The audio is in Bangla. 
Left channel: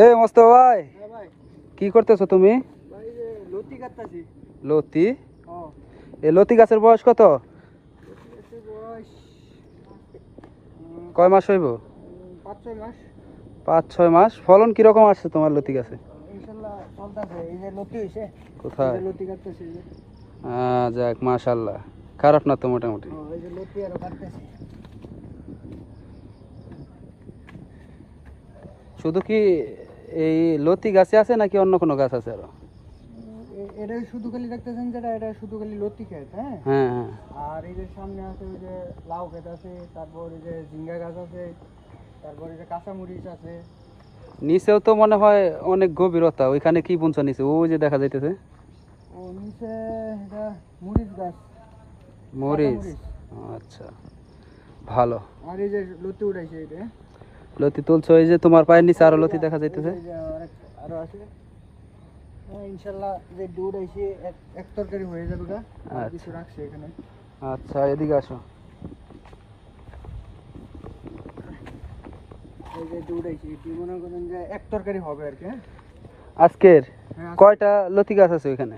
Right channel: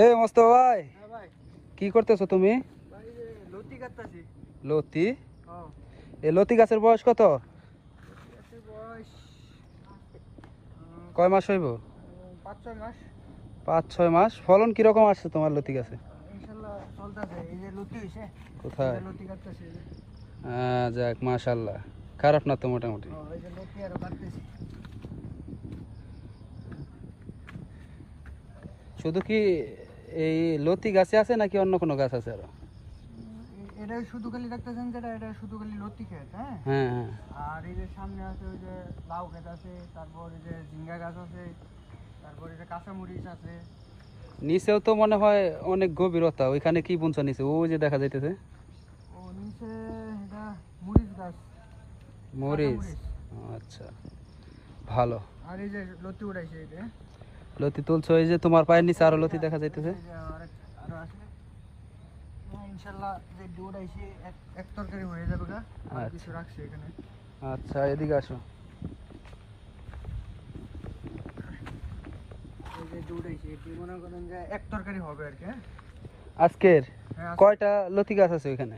এ মোস্তফা ভাই, হ্যাঁ ভাই। কি করতেছো তুমি? ভাই যে লতি কাটতাছি। লতি? হ্যাঁ। এ লতি গাছের বয়স কত? লতি গাছের বয়স কয় মাস হইব? 5-6 মাস। 5-6 মাস। ফলন কিরকম আসছে তোমার লতি গাছে? ইনশাআল্লাহ চলতেছে। এই যে লতি হইছে। কোথায়? এই যে লতি কাটতাছি এই যে। যাক মাশাআল্লাহ, খারাপ না তো মোটামুটি। হ্যাঁ, এই যে লতি আরো কাটতাছি। শুধু কি এই লতি গাছে আছে নাকি অন্য কোনো গাছ আছে আরো? এটা শুধু খালি দেখতেছেন যেটা, এটা শুধু খালি লতি ক্ষেত, হ্যাঁ। হ্যাঁ হ্যাঁ। আর এই যে সামনে আছে ওই যে লাউ ক্ষেত আছে, তারপর এই যে ঝিঙ্গা গাছ আছে, তারপর এই যে কাঁচামরিচ আছে। নিচেও তো মনে হয় অনেক গভীরতা, ওইখানে কি বুনছো নিচে? ওই যে দেখা যাইতেছে ও নিচে এটা মরিচ গাছ। মরিচ। কাঁচামরিচ। আচ্ছা, ভালো। আর এই যে লতি উঠাইছে এটা। লতি তুলছো, এই যে তোমার পায়ের নিচে আরো লতি দেখা যাইতেছে। এই যে আরো আছে। হ্যাঁ, ইনশাআল্লাহ যে দুধ আইছে এক তরকারি হয়ে যাবে গা। আর কিছু রাখছে এখানে। আচ্ছা, এদিকে আসো। এই যে দুধ আইছে, কি মনে করেন যে এক তরকারি হবে আর কি, হ্যাঁ। আজকের হ্যাঁ, কয়টা লতি গাছ আছে ওইখানে?